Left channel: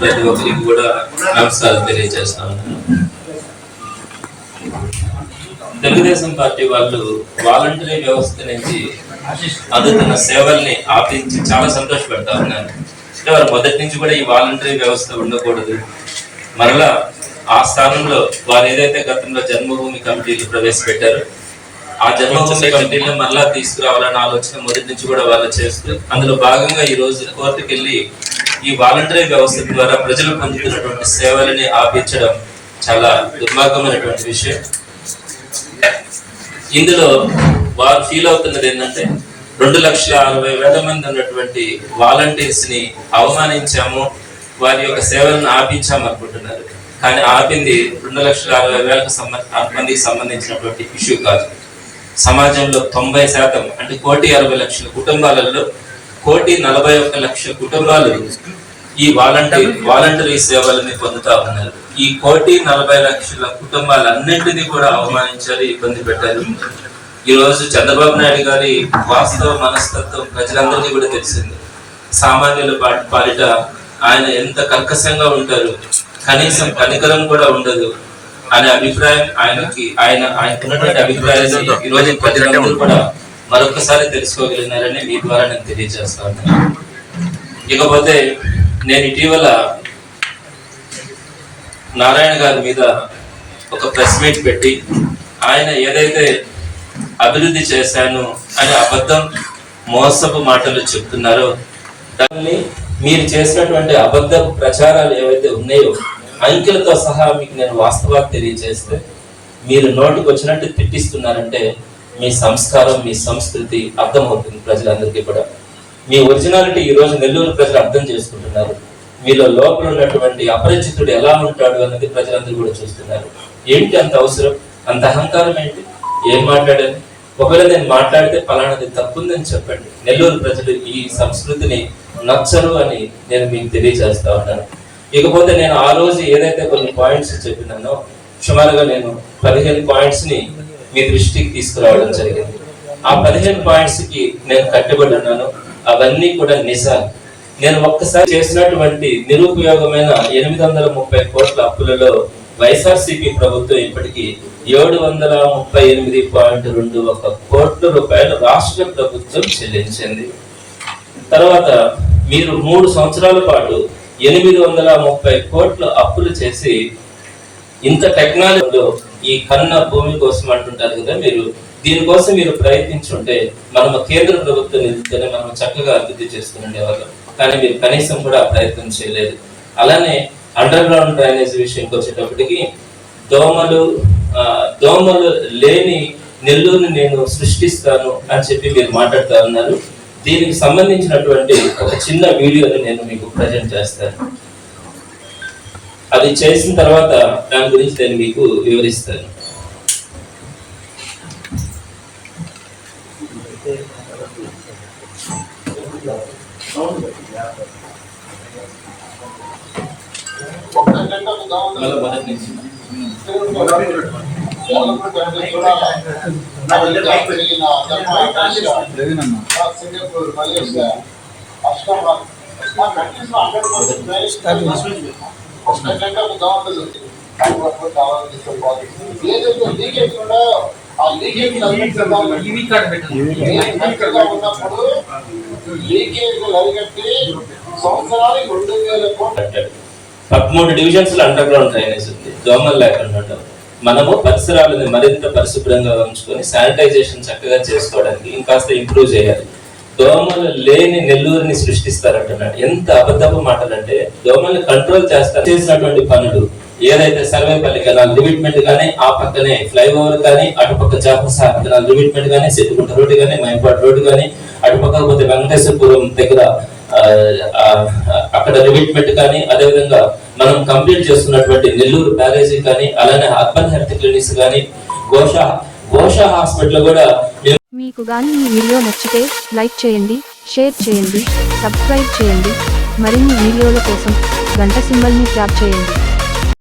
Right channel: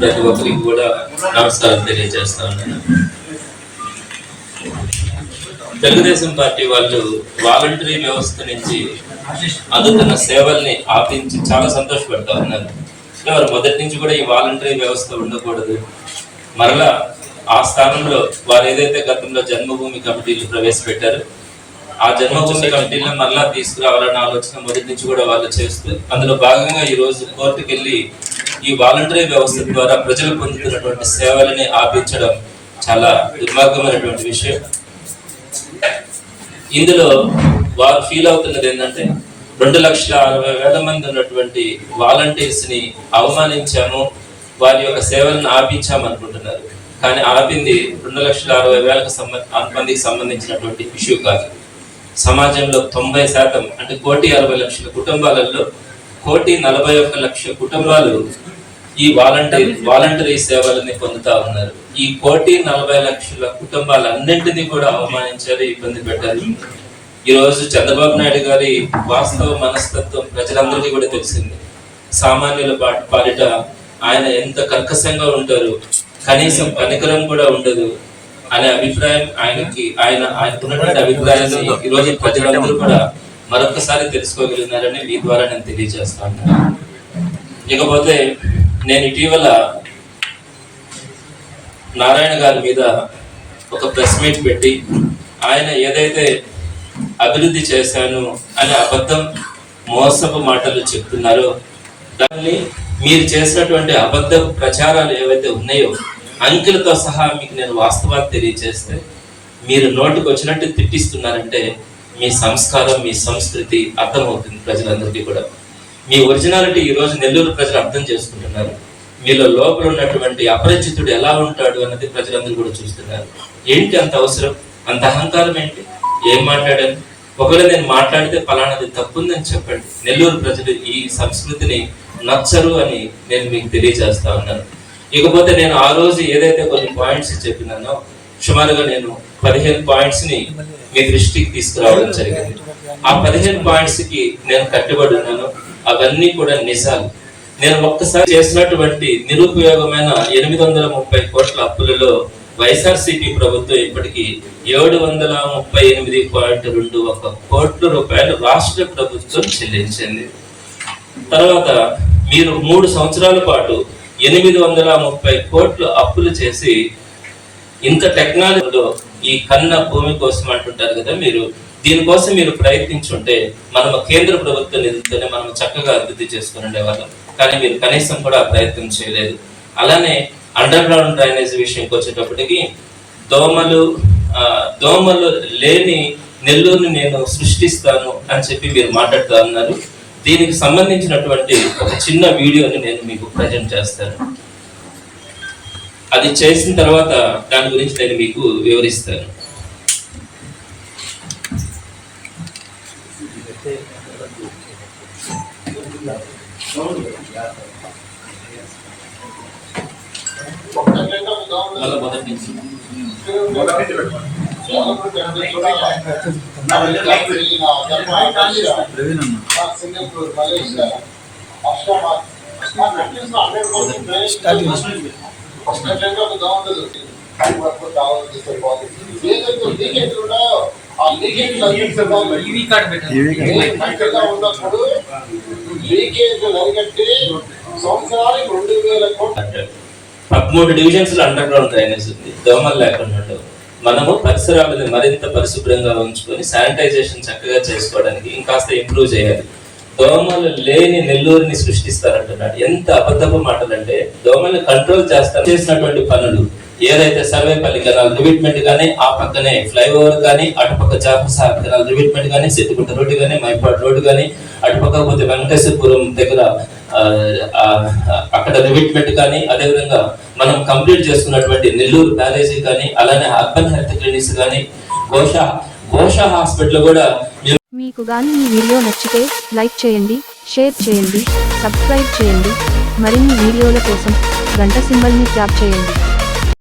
ప్రతి ఒక్కరికి కూడా నమస్కారం తెలియజేస్తా ఉన్నాను. తెలుగుదేశం పార్టీ వాళ్ళు వాలంటరీ వ్యవస్థ నుంచి అందుతున్న సేవల్ని ఆపించి చాలా సంతోషపడతా ఉన్నారు. అంటే వారు మొదటి నుంచి కూడా ఈ వాలంటరీ వ్యవస్థ ఉండకూడదు, మరలా ఆ స్థానంలో వారు ఏదైతే గతంలో జన్మభూమి కమిటీలు ప్రవేశపెట్టారో ఆ జన్మభూమి కమిటీలను మరలా తీసుకురావాలన్న ఆలోచన మొదటి నుంచి కూడా వాళ్ళు చేస్తూ అందులో భాగంగా ఈ రోజు కోర్టుకు వెళ్ళి ఈ వాలంటరీ వ్యవస్థ ద్వారా ప్రజలు పొందుతున్నటువంటి సేవలని ఆపించడం చాలా దుర్మార్గమైనటువంటి విషయం. ఇందులో వారు ఫీల్ అవుతున్నది ఏంటంటే 2,60,000 మంది ఉన్నటువంటి వాలంటీర్స్ ని అవమానించాము, వారి యొక్క సేవలను ఆపించాము అనుకుంటున్నారు. కానీ ఆపింది 2,60,000 మందికి సంబంధించినటువంటి ఇష్యూ కాదు. సమాజంలో 90% అంటే 1,60,00,000 కుటుంబాలలో 1,41,00,000 కుటుంబాలు ఈ వాలంటరీ సేవలని పొందుతా ఉన్నారు. ఈ 1,40,00,000 కుటుంబాలన్నింటినీ కూడా అవమానించారు, ఇబ్బంది పెట్టారు. ఈ రోజు చంద్రబాబు నాయుడు గారి వాస్తవ మనస్తత్వం ప్రజలందరికీ కూడా తెలిసింది. సామాన్యుల పాలిట ఆయన ఎంత కర్కశంగా ఉంటారు, కనీసం కనికరం కూడా ఉండదు అనే అభిప్రాయం ఆయనకున్నటువంటి అభిప్రాయాన్ని ఈ రోజు ప్రజలందరూ కూడా మరొకసారి తెలుసుకోగలిగినారని మీ ద్వారా నేను తెలియజేస్తా ఉన్నాను. ఇకపోతే నేను ఇటీవల నారాయణ గారి మీద ఒక ప్రెస్ మీట్ పెట్టి ఆయన ఏదైతే అభివృద్ధి చేశాను అనే అబద్ధం మోసపు మాటలు చెప్తున్నారో దాన్ని మీరు చేసినటువంటి అబద్ధపు ప్రచారాలు ఏవైతే ఉన్నాయో అంకెలతో సహా మీకు నేను వాస్తవాలు తెలియజేస్తే మీరు నోటికి వచ్చినట్టు తిట్టిస్తున్నారంటే మీ సంస్కారం, మీ సంస్కృతి అర్థమవుతుంది ప్రజలందరికీ కూడా. మీ ఒరిజినాలిటీ ఈ రోజు నెల్లూరు ప్రజలు అర్థం చేసుకుంటున్నారు. మీలో లోపల ఉన్నటువంటి అపరిచితుడు ఎలా ఉంటాడు అన్నది ప్రజలందరూ కూడా చూస్తున్నారు. ఏంటి అంత అవసరం, అంత అహంకారం ఏంటి? ఏం మాట్లాడాను? ఒకవేళ నేను మాట్లాడితే పలానాది తప్పుందని చెప్పండి. నెల్లూరు ప్రజలు ఈ సంస్కృతిని నచ్చరు అని నేను మీకు తెలియజేస్తా ఉన్నాను. ఇకపోతే నేను ఆ రోజు ఏదైతే కొన్ని పాయింట్స్ చెప్పినానో సుమారుగా నేను 15 పాయింట్స్ ని మీ దృష్టికి తీసుకురావడం జరిగింది. ఆ 15 పాయింట్స్ కి నేను కట్టుబడి ఉన్నాను. అవన్నీ కూడా నిజాలు. నేను ఒక్కసారి చేసినటువంటి నిరుపయోగమైన 830 కోట్ల అప్పులలో వైఎస్ఆర్సీపీ ప్రభుత్వం ఇప్పటికీ 738.21 కోట్ల రూపాయలు రాష్ట్ర ప్రభుత్వం చెల్లించింది. తర్వాత మీరు 3 సంవత్సరాల పాటు 830 కోట్ల అప్పులు చేసి ఇంత టెక్నాలజీలో ఈ కన్న భూమి కోసం అంటుంటారు కదా, మీరు దీనికోసం మీరు ప్రయత్నించుంటే మనం కేంద్ర ప్రభుత్వ నిధులతోనే మనం చక్కగా అభివృద్ధి చేసుకుని ఉండేవాళ్ళం. కానీ మీరు కనీసం కూడా ప్రయత్నం చేయలేదు. అలానే అండర్ గ్రౌండ్ డ్రైనేజ్ విషయంకి వచ్చేటప్పటికి దోమలు లేని నెల్లూరుని నేను సృష్టిస్తాను అని చెప్పి మీరు మాట్లాడుతూ ఉన్నారు. దీనికి సంబంధించినటువంటి ఒక చిన్న వీడియోని నేను మీకు ప్రజెంట్ చేస్తాను. అది చేసిన తర్వాత దాని గురించి నేను మీకు వివరిస్తాను. సింగపూర్, మలేషియా, ఉన్నప్పుడు లీకేజ్ అరికట్టి సంవత్సరానికి 2,000 కోట్లు. 13 డివిజన్స్ లో అండర్ గ్రౌండ్ డ్రైనేజ్ ఉంది. దోమలు లేకుండా మనము పరిసరాలను మరింత పరిశుభ్రంగా ఉంచుకొని శానిటైజేషన్ చక్కగా చేసుకోవడానికి ఇంకాస్త ఇంప్రూవ్ చేయాలి. దోమలు లేని నెల్లూరుని సృష్టిస్తారంటున్నాడు. ఎంత అబద్ధపు మాటలు అంటే, దోమల్ని కంట్రోల్ చేసినటువంటి పనులు ఏదైతే సర్వేపల్లి కెనాల్ రివిట్మెంట్ కానీ, ఆ పక్కనే ఫ్లైఓవర్ కానీ, అటుపక్క జాపసార్ కెనాల్ రివిట్మెంట్ కానీ, సిద్దిగుంట రోడ్డు కానీ, మైపాడు రోడ్డు కానీ, అటుపక్క పోతే వెంకటేశ్వరపురం దగ్గర అక్కడ రివిట్మెంట్ కానీ, అదేవిధంగా మనం కంప్లీట్ చేసుకున్నటువంటి నెల్లూరు బ్యారేజీ కానీ, అలానే అర్బన్ హెల్త్ క్లినిక్స్ కానీ, గోషా హాస్పిటల్ కూడా. మీకు గాని ఈ వీడియో నచ్చితే లైక్ చేయండి, షేర్ చేయండి, సబ్స్క్రైబ్ చేయండి. మరిన్ని వీడియోల కోసం గంట సింబల్ని ట్యాప్ చేయండి.